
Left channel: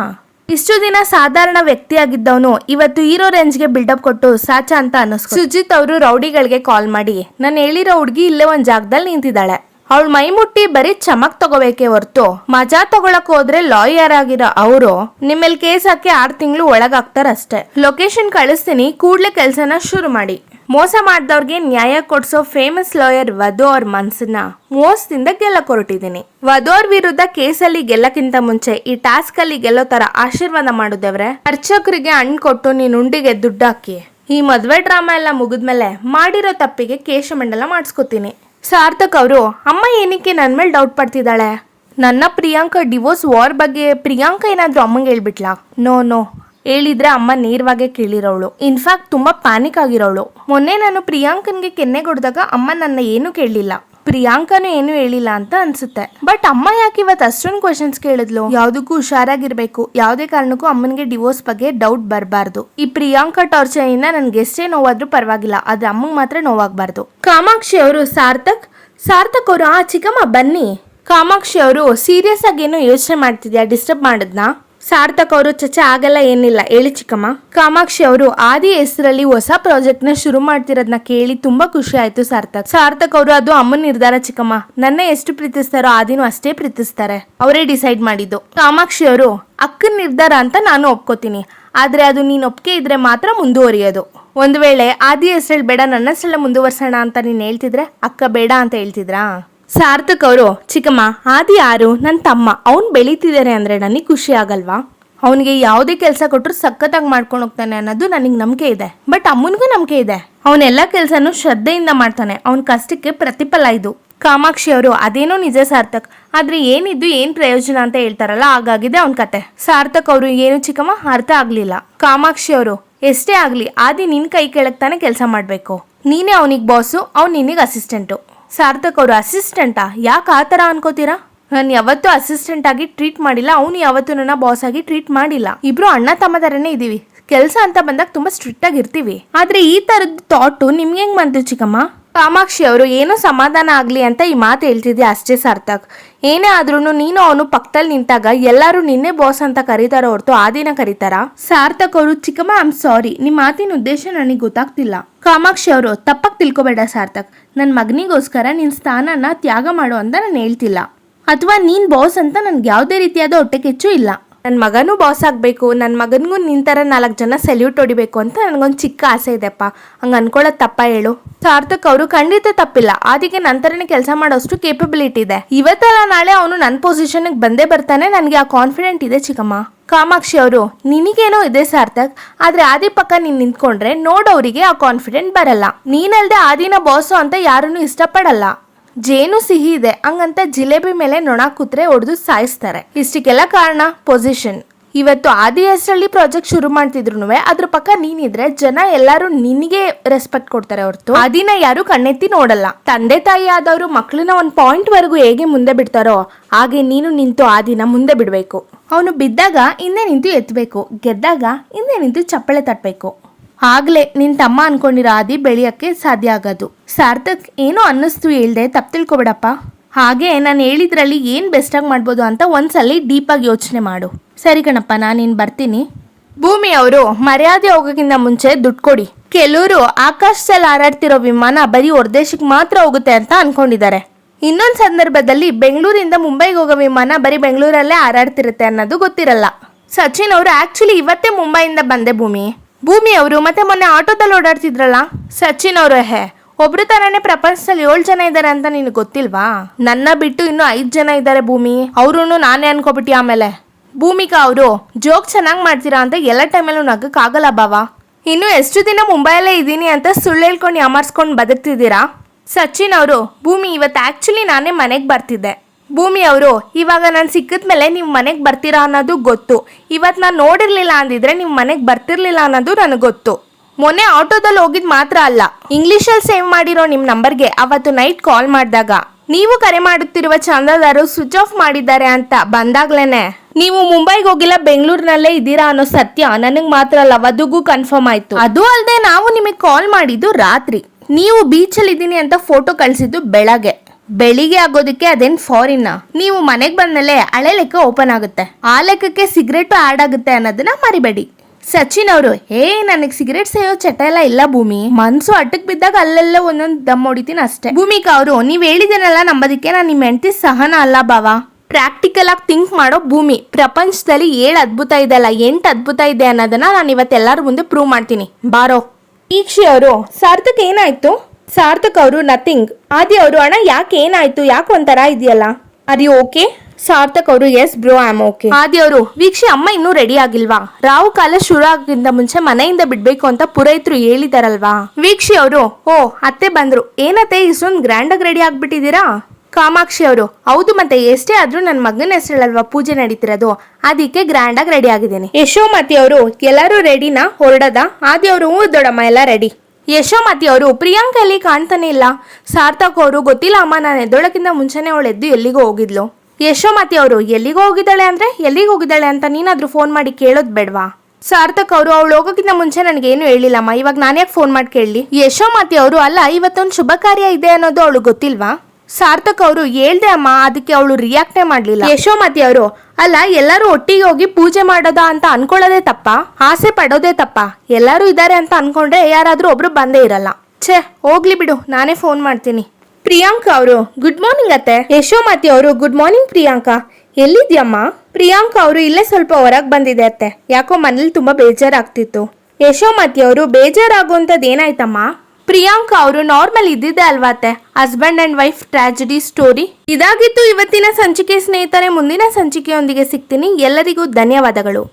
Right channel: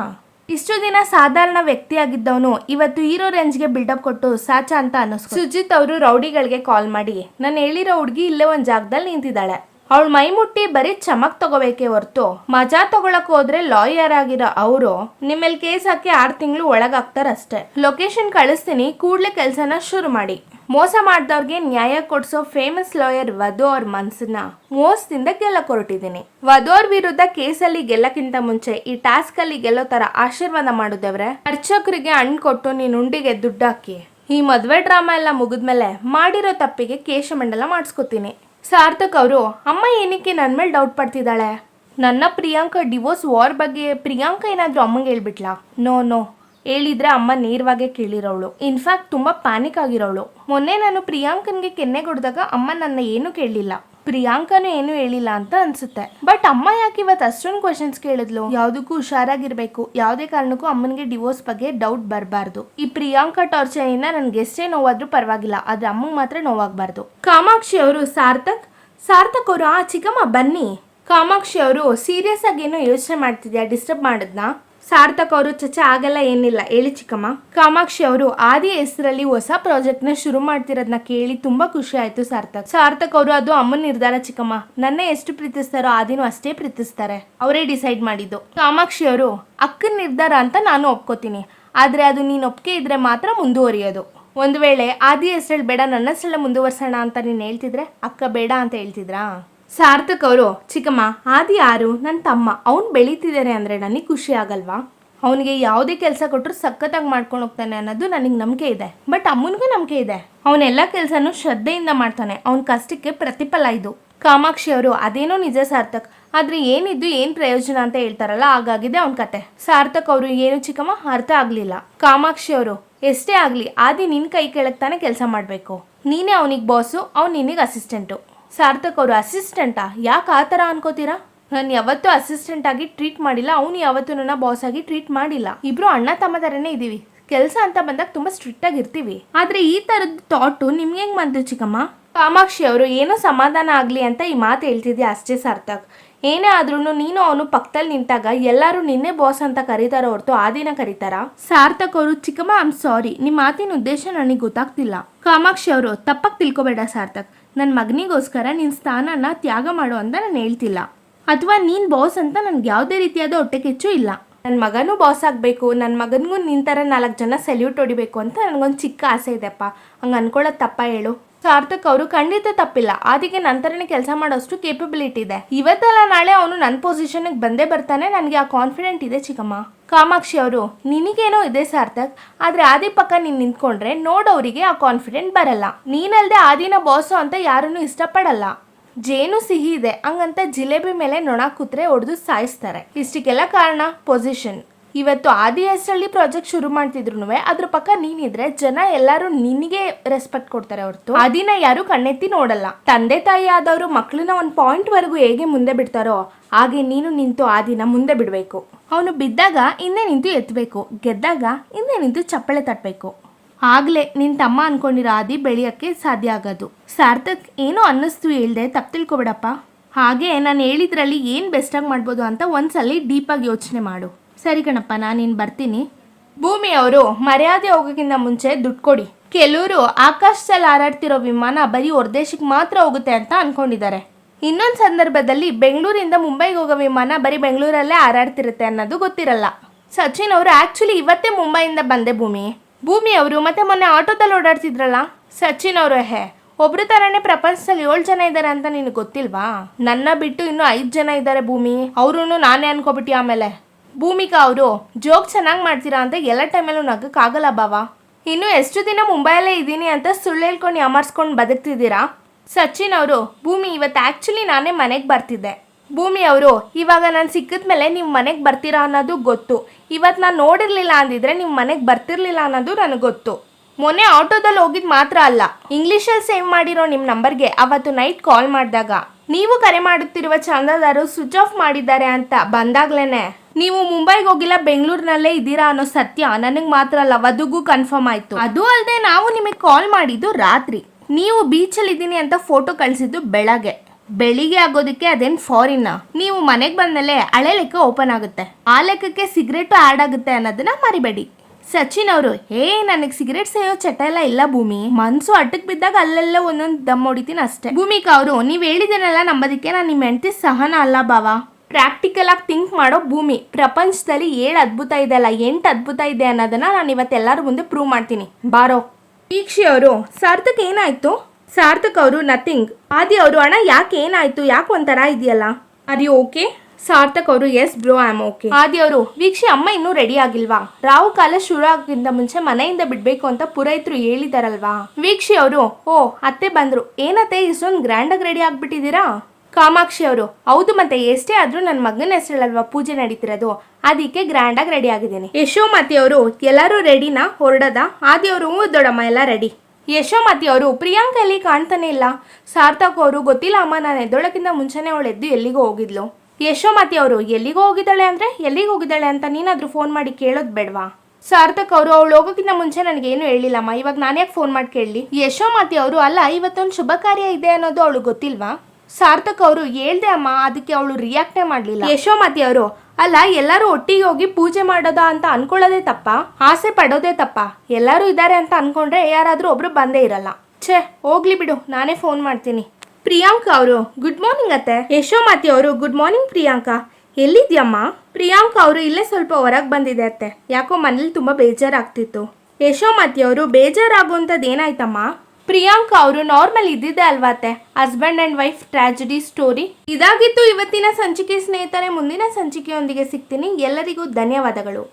ಇಷ್ಟು ದಿನ ಸಾಧಾರಣ ವ್ಯಕ್ತಿ ಆಗಿದ್ದವನು ಇವತ್ತು ಹೀರೋ ರೇಂಜ್ಗೆ ಬಿಲ್ಡಪ್ ಕೊಟ್ಟು ಸಾಚ ಅಂತ ಅನ್ನಿಸ್ಕೊ. ಸುಜಿತ್ ಅವರು ರೌಡಿಗಳಿಗೆ ಕಾಲ್ ಮಾಡಿ, ನಾನು ಹೇಳಿರೋ ಹುಡುಗಿ ಇಲ್ಲೇ ಒಂದ್ ಜಾಗದಲ್ಲಿ ನಿಂತಿದ್ದಾಳೆ, ಅವಳು ಮೈ ಮುಟ್ಟಿ ಬರೀ ಚಮಕ್ ತಗೋಬೇಕೆ ಹೊರ್ತು ಮಜಾ ತಗೊಳಕ್ ಹೋದ್ರೆ ಲಾಯರ್ ಆಗಿರೋ ಅವರು ನಿಮ್ಮೇಲೆ ಕೇಸ್ ಹಾಕಿ 6 ತಿಂಗಳು ಒಳಗಾಗ್ತಾರಷ್ಟೇ. ಲೊಕೇಶನ್ ಕಳಿಸ್ತೀನಿ, ಕೂಡ್ಲೆ ಕೆಲ್ಸನ ಶುರು ಮಾಡಿ. ಮೋಸ ಮಾಡಿದವ್ರಿಗೆ ನ್ಯಾಯ ಕೊಡ್ಸೋ ಫೇಮಸ್ ಲಾಯರ್ ವಧು ಅವ್ರ ಮನ್ಸನ್ನ ಮೋಸದಿಂದ ಗೆಲ್ಲಕ್ ಹೊರಟಿದ್ದೀನಿ. ವಧು ಅವ್ರ ವಿರುದ್ಧ ಕೇಸಲ್ಲಿ ಗೆಲ್ಲಕ್ಕಿಂತ ಮುಂಚೆ ಈ ಟಾಸ್ಕ್ ಅಲ್ಲಿ ಗೆಲ್ಲೋ ತರ ಆಶೀರ್ವಾದ ಮಾಡುದವ್ರೆ, ಅರ್ಚಕರಿಗೆ ಹಣ್ಣು ಕೊಟ್ಟು ನೀನ್ ಉಂಡಿಗೆ ದುಡ್ಡು ಹಾಕಿ ಈ ಮದ್ವೆ ಡ್ರಾಮಾ ಎಲ್ಲ ಮುಗಿದ್ಮೇಲೆ ಮಾಡಿರೋ ತಪ್ಪಿಗೆ ಕೇಶಮಂಡಲ ಮಾಡಿಸ್ಕೊತೀನಿ. ಸಾರ್ಥಕ್ ಅವರು, ಅಮ್ಮ ಏನಕ್ಕೆ ನನ್ ಮೇಲೆ ಡೌಟ್ ಪಡ್ತಿದ್ದಾಳೆ? ನನ್ನ ಪ್ರಿಯಾಂಕಾ ಡಿವೋರ್ಸ್ ವಾರ್ ಬಗ್ಗೆ ಪ್ರಿಯಾಂಕಾ ಏನಾದ್ರೂ ಅಮ್ಮಂಗೆ ಹೇಳ್ಬಿಟ್ಲಾ? ನೋ ಹೇಳಿದ್ರೆ ಅಮ್ಮ ನೇರವಾಗೇ ಕೇಳಿರೋಳು. ಇನ್ಫ್ಯಾಕ್ಟ್ ತುಂಬಾ ಪ್ಯಾನಿಕ್ ಆಗಿರೋಳು. ಮೊನ್ನೆ ನಾನು ಪ್ರಿಯಾಂಕನ್ಗೆ ಕೆನ್ನೆ ಕೊಡ್ದಾಗ ಅಮ್ಮ ನನ್ನ ಏನು ಕೇಳಲಿಲ್ಲ, ಪ್ರಿಯಾಂಕನೂ ಏನು ಹೇಳಿಲ್ಲ ಅಂತ ಅನ್ಸುತ್ತೆ. ಬಟ್ ಅಮ್ಮ ಯಾಕೆ ಇವತ್ತು ಅಷ್ಟೊಂದು ಕ್ವಶನ್ಸ್ ಕೇಳಿದ್ಲು? ಯಾವ್ದಕ್ಕೂ ಹುಷಾರಾಗಿರ್ಬೇಕು, ಯಾವುದೇ ಕಾರಣಕ್ಕೂ ಅಮ್ಮನಿಗೆ ಡಿವೋರ್ಸ್ ಬಗ್ಗೆ ಡೌಟ್ ಬರಬಾರ್ದು. ಈ ಪ್ರಿಯಾಂಕಾ ಟಾರ್ಚರ್ ಇಂದ ನನ್ಗೆ ಎಷ್ಟೇ ನೋವಾದ್ರೂ ಪರವಾಗಿಲ್ಲ, ಆದ್ರೆ ಅಮ್ಮಂಗೆ ಮಾತ್ರ ನೋವಾಗಬಾರ್ದು. ಕಾಮಾಕ್ಷಿ ಅವರು, ಸಾರ್ಥಕ್ ಅವರು, ಆ ಚಿಕ್ಕಮ್ಮ ಬನ್ನಿ. ಕಾಮಾಕ್ಷಿ ಅವರು, ಸೀರಿಯಸ್ ಆಗಿ ಏನೋ ಯೋಚನೆ ಮಾಡ್ತಿದ್ಯಾ, ಡಿಸ್ಟರ್ಬ್ ಮಾಡಿದ್ನಾ? ಸಾರ್ಥಕ್ ಅವರು, ಚಚ ಆಗಲ್ಲ, ಏನಿಲ್ಲ, ಹೇಳಿ ಚಿಕ್ಕಮ್ಮ. ಕಾಮಾಕ್ಷಿ ಅವರು, ಆದಿ ಹೆಸರಲ್ಲಿ ಹೊಸ ಪ್ರಾಜೆಕ್ಟ್ ನ ಶುರು ಮಾಡ್ತಿರೋದನ್ನ ಕೇಳಿ ತುಂಬಾ ಖುಷಿ ಆಯ್ತು ಸಾರ್ಥಕ್ ಅವರು, ಅದು ಅಮ್ಮನ ನಿರ್ಧಾರ ಚಿಕ್ಕಮ್ಮ, ನನ್ನ ಎಷ್ಟು ಪ್ರೀತಿಸ್ತಾರೋ ಆದಿನೂ ಅಷ್ಟೇ ಪ್ರೀತಿಸ್ತಾರೆ, ಅವರೇ ಡಿಸೈಡ್ ಮಾಡಿದ್ದು. ಕಾಮಾಕ್ಷಿ ಅವರು, ಅಕ್ಕನ ನಿರ್ಧಾರ ಅಂತ ನಾನು ಒಪ್ಕೋತೀನಿ, ಆದ್ರೆ ಅದು ನೀನ್ ಒಪ್ಕೆ ಇದ್ರೆ ಮಾತ್ರ ಮುಂದುವರಿಯೋದು. ಒಂದ್ ವೇಳೆ ಆದಿ ಹೆಸರಲ್ಲಿ ಬೇಡ, ನನ್ನ ಹೆಸರಲ್ಲೇ ಮುಂದುವರ್ಸೋಣ ಅಂತ ನೀನ್ ಹೇಳ್ತಿದ್ರೆ ಅಕ್ಕ ಬೇಡ ಅಂತ ಹೇಳ್ತಿದ್ರಾ? ಸಾರ್ಥಕ್ ಅವರು, ಚಿಕ್ಕಮ್ಮ, ಆದಿ ಯಾರು? ನನ್ನ ತಮ್ಮ, ಅವ್ನು ಬೆಳೀತಿದ್ದಾನೆ ಅಂದ್ರೆ ನನಗೆ ಖುಷಿ ಆಗಲ್ವಾ? ಅವನಿಗೆ ಯಾವುದೇ ಕೆಲಸ ಕೊಟ್ಟರು ಸಖತ್ತಾಗಿ ಮಾಡ್ಕೊಂಡು ಹೋಗ್ತಾನೆ ಅನ್ನೋದು ನನಗೆ ನಂಬಿಕೆ ಇದೆ. ಬಟ್ ಅಮ್ಮನಿಗೂ ನಂಬಿಕೆ ಇದೆ, ಅವನೆಲ್ಲ ಕೆಲಸನೂ ಶ್ರದ್ಧೆಯಿಂದ ಮಾಡ್ತಾನೆ, ಅವನ ಕಷ್ಟಕ್ಕೆ ಪ್ರತಿಫಲ ಇದು. ಕಾಮಾಕ್ಷಿ ಅವರು, ಅದೇನೋ ನಿಜ ಸಾರ್ಥಕ್, ಆದ್ರೆ ಏನಿದ್ದು ಏನ್ ಪ್ರಯೋಜನ ಅಂತ ಹೇಳ್ತಾರಲ್ಲ, ಹಾಗಾಗಿದೆ ಅವನ ಕತೆ. ಸಾರ್ಥಕ್ ಅವರು, ಏನು ಚಿಕ್ಕಮ್ಮ, ಅರ್ಥ ಆಗ್ಲಿಲ್ಲ. ಕಾಮಾಕ್ಷಿ ಅವರು, ಎಷ್ಟೇ ಆಗ್ಲಿ ಆದಿ ನಿನ್ ಕೈ ಕೆಳಗ್ ತಾನೇ ಕೆಲಸ ಮಾಡ್ಬೇಕು, ನೀನೇ ಅವನಿಗೆ ಬಾಸು, ಅವ್ನು ನಿನಗೆ ಅಸಿಸ್ಟೆಂಟು. ಸಾರ್ಥಕ್ ಅವರು ಅಸಿಸ್ಟೆಂಟಾ? ಯಾಕೆ ಆ ಥರ ಅನ್ಕೋತೀರಾ? ನಾನು ಯಾವತ್ತೂ ಅಸಿಸ್ಟೆಂಟ್ ಆಗಿ ಟ್ರೀಟ್ ಮಾಡಿಲ್ಲ, ಅವನು ಯಾವತ್ತೂ ನನ್ನ ಬಾಸ್ ಆಗಿ ಟ್ರೀಟ್ ಮಾಡಿಲ್ಲ. ಇಬ್ರು ಅಣ್ಣ ತಮ್ಮ ಥರನೇ ಇದೀವಿ. ಕೆಲಸ ಅಂತ ಬಂದಾಗ ತುಂಬಾ ಸ್ಟ್ರಿಕ್ಟ್ ಆಗಿ ಇರ್ತೀವಿ. ಆದ್ರೆ ಈ ತರದ ಥಾಟು ನಿಮ್ಗೆ ಹೆಂಗ್ ಬಂತು ಚಿಕ್ಕಮ್ಮ? ಕಾಮಾಕ್ಷಿ ಅವರು ಏನೋ ಸಮಾಧಾನ ಆಗ್ಲಿ ಅಂತ ಈ ಮಾತು ಹೇಳ್ತಿದ್ಯಾ ಅಷ್ಟೇ ಸಾರ್ಥಕ್. ಏನೇ ಆದ್ರೂ ನೀನು ಅವನು ಪಕ್ಕದಲ್ಲಿ ನಿಂತಾಗ ಎಲ್ಲರೂ ನಿನ್ನೆ ಬಾಸ್ ಅಂತ ಕರೀತಾರೋ ಹೊರತು ಆ ದಿನ ಕರೀತಾರ? ಸಾರ್ಥಕ್ ಅವರು ಚಿಕ್ಕಮ್ಮ ಐ ಆಮ್ ಸಾರಿ, ನಿಮ್ಮ ಮಾತಿನ ಉದ್ದೇಶ ನನಗೆ ಗೊತ್ತಾಗ್ತಿಲ್ಲ. ಕಾಮಾಕ್ಷಿ ಅವರು ತಪ್ಪಾಗಿ ತಿಳ್ಕೊಬೇಡ ಸಾರ್ಥಕ್, ನನ್ನ ಮಗನಿಗೋಸ್ಕರ ನಿನ್ನ ಸ್ಥಾನನ ತ್ಯಾಗ ಮಾಡು ಅಂತ ನಾನು ಹೇಳ್ತಿಲ್ಲ, ಅಥವಾ ನೀನ್ ಬಾಸ್ ಅಂತ ನನ್ಗೆ ಯಾವುದೇ ರೀತಿಯಾದ ಹೊಟ್ಟೆ ಕಿಚ್ಚು ಇಲ್ಲ. ನನ್ನ ಮಗನೂ ಬಾಸ್ ಆಗಬೇಕು, ನನ್ನ ಮಗನಿಗೂ ನಿಂತರ 4 ಜನ ಸೆಲ್ಯೂಟ್ ಹೊಡಿಬೇಕು ಅಂತ ನನಗೊಂದು ಚಿಕ್ಕ ಆಸೆ ಇದೆಪ್ಪ. ಹಂಗೆ ಅನ್ಕೊಳ್ಳೋದು ತಪ್ಪ ಹೇಳು? ಸಾರ್ಥಕ್ ಅವರು ಖಂಡಿತ ತಪ್ಪಿಲ್ಲ. ಅದಕ್ಕೆ ನಂತರನೇ ಕೆಲಸ ಮಾಡೋಷ್ಟು ಕೇಪಬಿಲಿಟಿ ಇದೆ. ಇವತ್ತಲ್ಲ ನಾಳೆ ಅವನು ನನ್ನ ಪೊಸಿಷನ್ಗೆ ಬಂದೇ ಬರ್ತಾನೆ, ನನಗೆ ಆ ಕಾನ್ಫಿಡೆಂಟ್ ಇದೆ ಚಿಕ್ಕಮ್ಮ. ಕಾಮಾಕ್ಷಿ ಅವರು ನಿನಗೇನೋ ಇದೆ ಸಾರ್ಥಕ್, ಆದ್ರೆ ಆದಿ ಪಕ್ಕ ನೀನ್ ನಿಂತ್ಕೊಂಡ್ರೆ ನೋಡೋರಿಗೆ ಆ ಕಾನ್ಫಿಡೆಂಟ್ ಬರಲ್ಲ. ನೀನಲ್ದೆ ಆದಿನ ಬಾಸು ಅಂತ ಯಾರನ್ನು ಇಷ್ಟಪಡಲ್ಲ. ಜೇನು ಸಿಹಿ ಇದೆ ಹಂಗಂತ ಜಿಲೇಬಿ ಮೇಲೆ ನೊಣ ಕೂತ್ರೆ ಹೊಡೆದು ಸಾಯಿಸ್ತಾರೆ. ಇಷ್ಟಕ್ಕೆಲ್ಲ ಕಾರಣ ಪೊಸಿಷನ್. ಇವತ್ತು ಆದಿ ಹೆಸರಲ್ಲಿ ಪ್ರಾಜೆಕ್ಟ್ ಶುರು ಮಾಡ್ತಿದ್ರು ಅದ್ರ ಪಕ್ಕ ನೀನಿದ್ರೆ ಜನ ಎಲ್ಲಾರು ನಿನಗೆ ರೆಸ್ಪೆಕ್ಟ್ ಕೊಡ್ತಾರೆ ಹೊರತು ಆದಿನ ಯಾರು ಕಣ್ಣೆತ್ತಿ ನೋಡಲ್ಲ. ತಂದೆ ತಾಯಿ ಆದವರು ಮಕ್ಕಳನ್ನ ಒಂದು ಪಾಯಿಂಟ್ ವರೆಗೂ ಹೇಗೆ ಮುಂದೆ ಬಿಡ್ತಾರೋ ಹಾಗೆ ನೀನು ನಿಂತು ಆದಿನ ಮುಂದೆ ಬಿಡ್ಬೇಕು. ಅವನು ಬಿದ್ದಾಗ ಹಿಂದೆ ನಿಂತು ಎತ್ತಬೇಕು, ಗೆದ್ದಾಗ ಹಿಂದೆ ನಿಂತು ಚಪ್ಪಳೆ ತಟ್ಟಬೇಕು. ಆಗ್ಲೇ ನಿನ್ ತಮ್ಮ ಅನ್ಕೊಂಡಿರೋ ಆದಿ ಬೆಳೆಯಕ್ಕೆ ಸಾಧ್ಯ ಆಗೋದು. ಸಾರ್ಥಕ್ ಏನೋ ಅನ್ನಿಸ್ತು ಹೇಳ್ದೆ, ತಪ್ಪು ತಿಳ್ಕೊಬೇಡಪ್ಪ. ಹಾಗೆ ನಾನು ಹೇಳಿದ್ರಲ್ಲಿ ಏನ್ ಬೆಸ್ಟ್ ಆಗಿ ಮಾಡ್ಬೋದು ಅಂತ ಒಂದ್ಸಲಿ ಡೀಪ್ ಆಗಿ ಯೋಚನೆ ಮಾಡು. ಸರಿ ಕಣಪ್ಪ, ನಾನಿನ್ ಬರ್ತೀನಿ. ಭೂಮಿ ಅವರು ಮರ್ಯಾದೆ ಹೋಗೋಕ್ಕಿಂತ ಮುಂಚೆ ದುಡ್ಡು ಕೊಡಿ. ಕೆಲವರು ಆಕಾಶದಲ್ಲಿ ಹಾರಾಡ್ತಿರೋ ವಿಮಾನ ಬರೀ ಹೊರದೇಶಕ್ಕೆ ಮಾತ್ರ ಹೋಗುತ್ತೆ ಅಂತ ಅನ್ಕೊಂಡಿದ್ದಾರೆ. ಇನ್ನೊಂದು ಸಂದರ್ಭದಲ್ಲಿ ಬೆಂಗಳೂರಿಂದ ಮುಂಬೈಗೆ ಹೋಗೋ ವಿಮಾನ ಬರೀ ಬೆಂಗಳೂರಲ್ಲೇ ಹಾರಾಡ್ತಿರುತ್ತೆ ಅನ್ನೋದು ಗೊತ್ತಿರಲ್ಲ. ಸಚಿನ್ ಅವರು ಆಕ್ಚುಲಿ ಇವತ್ತೇ ಮುಂಬೈಯಿಂದ ಬಂದೆ ಭೂಮಿ ಅವರು ಮತ್ತೆ ಮೊನ್ನೆ ಆಟೋದಲ್ಲಿ ಓಡಾಡ್ತಿದ್ರಲ್ಲ ಸಚಿನ್ ಅವರು. ಒಬ್ರು ತರನೇ ಪ್ರಪಂಚದಲ್ಲಿ 7 ಜನ ಇದ್ದಾರೆ ಅಂತ ನಿನಗೆ ಗೊತ್ತಿಲ್ವಾ? ನನ್ನ ಬಿಟ್ಟು ಇನ್ನು 5 ಜನ ಇದ್ದಾರೆ ಭೂಮಿ. ಅವ್ರೂ ನಾನೇ ಅನ್ಕೋಬಿಟ್ಟಿ. ಆಮೇಲೆ ಭೂಮಿಕಾ ಅವರು ಜೋಕ್ ಚೆನ್ನಾಗಿ ಮಾಡ್ತೀರಾ ಅಂತ ಎಲ್ಲ ಟೈಮಲ್ಲೂ ನಗಕ್ಕಾಗಲ್ಲ ಬಾವ. ಇನ್ನು ಎಷ್ಟು ದಿನ ಮುಂಬೈಯಲ್ಲೇ ಇದ್ದೀನಿ ಅಂತ ಸುಳ್ಳು ಹೇಳ್ಕೊಂಡು ಯಾಮಾರ್ಸ್ಕೊಂಡು ಬದುಕ್ತಿದ್ದೀರಾ? ಸಚಿನ್ ಅವರು ಭೂಮಿ ಇವತ್ತು ಆಕ್ಚುಲಿ ನಾನೇ ಮನೆಗೆ ಬರ್ತಿದ್ದೆ. ಭೂಮಿ ಅವರು ಇವಾಗ ನಾನು ಸಿಕ್ಕಿದ್ಮೇಲೆ ನೀವು ಮನೆಗೆ ಬರ್ತೀರಾ ಅನ್ನೋದು ಗೊತ್ತು. ಇವತ್ತು ನಾನು ನೋಡಿರ್ಲಿಲ್ಲ ಅಂದಿದ್ರೆ ನೀವು ಮನೆಗೆ ಬರ್ತಿರ್ಲಿಲ್ಲ ಅನ್ನೋದು ನನಗೆ ಗೊತ್ತು. ಮೊನ್ನೆ ಆಟೋದಲ್ಲಿ ಹೋಗಿದ್ ಮಾತ್ರ ಅಲ್ಲ, ಇಂಗ್ಲಿಷಲ್ಲಿ ಸೇವ್ ಮಾಡಿರೋ ನಿಮ್ಮ ನಂಬರ್ಗೆ ಅವತ್ತು ನೈಟ್ ಕಾಲ್ ಮಾಡಿದಾಗ ನೀವು ಕರೆ ಮಾಡುತ್ತಿರುವ ಚಂದಾದಾರರು ಸ್ವಿಚ್ ಆಫ್ ಮಾಡಿದ್ದಾರೆ ಅಂತ ಬಂದಾಗ್ಲೇನೆ ನೀವು ಮುಂಬೈಗೆ ಹೋಗಿಲ್ಲ ಬೆಂಗಳೂರಿನಲ್ಲೇ ಇದ್ದೀರಾ ಅನ್ನೋ ಸತ್ಯ ನನಗೆ ಮಾತ್ರ ಅಲ್ಲ ವಧುಗೂ ಕನ್ಫರ್ಮ್ ಆಯ್ತು. ಅದು ಅಲ್ಲದೆ ನಾವು ನಿಮಗೆ ಕಾಲ್ ಮಾಡಿದ್ದು ರಾತ್ರಿ, ನೀವು ಬೀಚಲ್ಲಿ ಇದ್ದೀನಿ ಅಂತ ಫೋಟೋ ಕಳಿಸಿದ್ದು ಬೆಳಿಗ್ಗೆ ಆಗೋದಕ್ಕೆ ಅದೇನ್ ಫಾರಿನ್. ನೀವು ಮನೆಗೆ ಬಂದ್ಮೇಲೆ ಹಳೆ ಲೆಕ್ಕ ಓಪನ್ ಆಗುತ್ತೆ, ಆ ಲೆಕ್ಕಕ್ಕೆ ಸಿಗರೇಟ್ ಆಡ್ ಆಗುತ್ತೆ ಅನ್ನೋದನ್ನ ಮರಿಬೇಡಿ. ಸಚಿನ್ ಅವರು ನನಗೆ ಸಿಗರೇಟ್ ಸೇಯೋ ಚಟ ಎಲ್ಲ ಇಲ್ಲ ಭೂಮಿ, ಮನ್ಸು ಅಟ್ಟಕ್ ಬಿದ್ದಾಗ ಅಲ್ಲೆಲ್ಲ ಒಂದೊಂದು ದಮ್ ಹೊಡಿತೀನಿ ಅಷ್ಟೇ. ಭೂಮಿಕಾ ಅವರು ನೀವ್ ಹೇಳಿದೇನಲ್ಲ ನಂಬೋದಕ್ಕೆ ನಾನು ನಿಮ್ಮ ಹೆಂಡತಿ ಸಹನ ಅಲ್ಲ ಬಾವ. ಪ್ರಾಕ್ಟಿಕಲ್ ಆಗಿ ಥಿಂಕ್ ಮಾಡೋ ಭೂಮಿ. ಪ್ರಪಂಚದಲ್ಲಿ 7 ಅದ್ಭುತ ಇದೆ ಅಲ್ಲ 8 ಅದ್ಭುತ ಇದೆ ಅನ್ನೋದನ್ನ ನಾನು ಇವತ್ತೆಲ್ಲರ ಮುಂದೆ ಪ್ರೂವ್ ಮಾಡ್ತೀನಿ ಬಾರೋ. ಈಕ್ಷಿ ಅವರು ಸಾರ್ಥಕ್ ಏನಾಯ್ತು? ಸಾರ್ಥಕ್ ಅವರು ನಥಿಂಗ್. ಆದಿ ಅವರು ಅಣ್ಣ ಯಾಕೆ ಏನಾಯ್ತು, ಯಾಕೆ ಒಂಥರ ಇದೆಯಲ್ಲ, ಆರ್ ಯು ಓಕೆ? ಸಾರ್ಥಕ್ ಅವರು yes bro I am okay. Aadi ಅವರು ವೀಕ್ಷಿ ಅಮ್ಮ ಇನ್ನೂ ರೆಡಿ ಆಗಿಲ್ವಾ? ರಾವು ಕಾಲ ಶುರು ಆಗೋಕ್ಕಿಂತ ಮುಂಚೆ ಮನೆಯಿಂದ ಬಿಡ್ಬೇಕು ಅಂತ ಪುರೋಹಿತರು ಹೇಳಿದಾರಲ್ವಾ? ವೀಕ್ಷಿ ಅವರು ಓ ಅತ್ತೆ ಬಂದ್ರು, ಏನತ್ತೆ ಇಷ್ಟೊಂದು ಗ್ರ್ಯಾಂಡ್ ಆಗಿ ರೆಡಿ ಆಗ್ಬಿಟ್ಟಿದ್ದೀರಾ? ಕಾಮಾಕ್ಷಿ ಅವರು ಹೌದು, ಮತ್ತೆ ಎಷ್ಟೇ ಆದ್ರೂ ನನ್ನ ಮಗನ ಹೆಸರಲ್ವಾ ಪೂಜೆ ನಡೀತಿರೋದು, ಅದಕ್ಕೆ ಗ್ರ್ಯಾಂಡ್ ಆಗಿ ರೆಡಿ ಆಗಿದ್ದೀನಿ. ಯಶೋಮತಿ ಅವರು ಎಲ್ಲರೂ ರೆಡಿನಾ ಹೊರಡದ? ಆದಿ ಅವರು ದೊಡ್ಡಮ್ಮ ಎಲ್ಲ ರೆಡಿ. ಯಶೋಮತಿ ಅವರು ಪ್ರಿಯಾಂಕಲ್ಲಿ ಕಾಣ್ತಾನೆ ಇಲ್ಲ. ಸಾರ್ಥಕ್ ಅವರು ಗೊತ್ತಿಲ್ಲ ಅಮ್ಮ, ನಾನು ಎದ್ದೊಳಕ್ಕಿಂತ ಮುಂಚೆನೆ ಅವಳು ಎದ್ದು ಎಲ್ಲಿಗೂ ಹೋಗಿದ್ಲು. ಯಶೋಮತಿ ಅವರು ಎಲ್ಲಿಗೂ ಹೋಗಿದ್ದಾಳೆ ಅಂದ್ರೆ ಎಲ್ಲಿಗೆ ಹೋಗಿದ್ದಾಳೆ ಅಂತ ನೀನಾದ್ರೂ ಫೋನ್ ಮಾಡಿ ಕೇಳೋದ್ ಬೇಡವಾ? ಸಾರ್ಥಕ್ ಅವರು ಅವಳು ಹೋಗೋಕ್ಕಿಂತ ಮುಂಚೆ ನನಗೇನು ಹೇಳಿಲ್ಲಮ್ಮ, ಇವಾಗ ನಾನ್ಯಾಕೆ ಫೋನ್ ಮಾಡಿ ಕೇಳಲಿ? ಯಶೋಮತಿ ಅವರು ಅಲ್ಲ ಇವತ್ತೊಂದು ಶುಭ ಕಾರ್ಯ ಇದೆ ಅನ್ನೋದು ಅವಳು ಗೊತ್ತಿಲ್ವಾ? ಸಾರ್ಥಕ್ ಅವರು ಹೇಳ್ದೆ ಅಮ್ಮ, ಅದಕ್ಕೆ ಅವಳು ರಿಯಾಕ್ಟೇ ಮಾಡ್ಲಿಲ್ಲ. ಯಶೋಮತಿ ಅವರು ಅಲ್ಲ ಎಲ್ಲರೂ ಒಟ್ಟಿಗೆ ಹೋಗಿ ಪೂಜೆ ಮಾಡೋದ ಅಂತ ಅನ್ಕೊಳ್ಳೋದೇ ತಪ್ಪ, ಆಸೆ ಪಡೋದೇ ತಪ್ಪ. ಎಲ್ಲರೂ ಇದ್ದಾರೆ ಅಂತ ಅನ್ಕೊಂಡ್ರೆ ಯಾರಾದ್ರೂ ಒಬ್ರು ಬಂದೇ ಇರಲ್ಲ. ಛೇ ಹೋಗ್ಲಿ ಬಿಡು, ನಾನೇ ಫೋನ್ ಮಾಡ್ತೀನಿ. ಪ್ರಿಯಾಂಕಾ ಅವರು ಗುಡ್ ಮಾರ್ನಿಂಗ್ ಅತ್ತೆ. ಯಶೋಮತಿ ಅವರು ಗುಡ್ ಮಾರ್ನಿಂಗ್ ಪ್ರಿಯಾಂಕಾ, ಎಲ್ಲಿದ್ಯಮ್ಮ? ಪ್ರಿಯಾಂಕಾ ಅವರು ಇಲ್ಲೇ ಸ್ವಲ್ಪ ಹೊರಗೆ ಬಂದಿದೆ ಅತ್ತೆ, ಯಾಕೋ ಮನೇಲಿ ತುಂಬಾ ಬೇಜಾರಾಗ್ತಿತ್ತು. ಯಶೋಮತಿ ಅವರು ಬೇಜಾರಾಗುವಂಥದ್ದು ಏನಾಯ್ತಮ್ಮ? ಪ್ರಿಯಾಂಕಾ ಅವರು ನಾರ್ಮಲ್ ಇದ್ದಿದ್ದೆ ಅಲ್ವಾ ಅತ್ತೆ, husband and wife tragedy story. ಇದಾಗಿತ್ತು ಇವತ್ತಿನ ಸಂಚಿಕೆ ಸ್ನೇಹಿತರೆ. ಮುಂದಿನ ಸಂಚಿಕೆಯೊಂದಿಗೆ ಸಿಗ್ತೀನಿ. ಎಲ್ಲರಿಗೂ ಧನ್ಯವಾದಗಳು.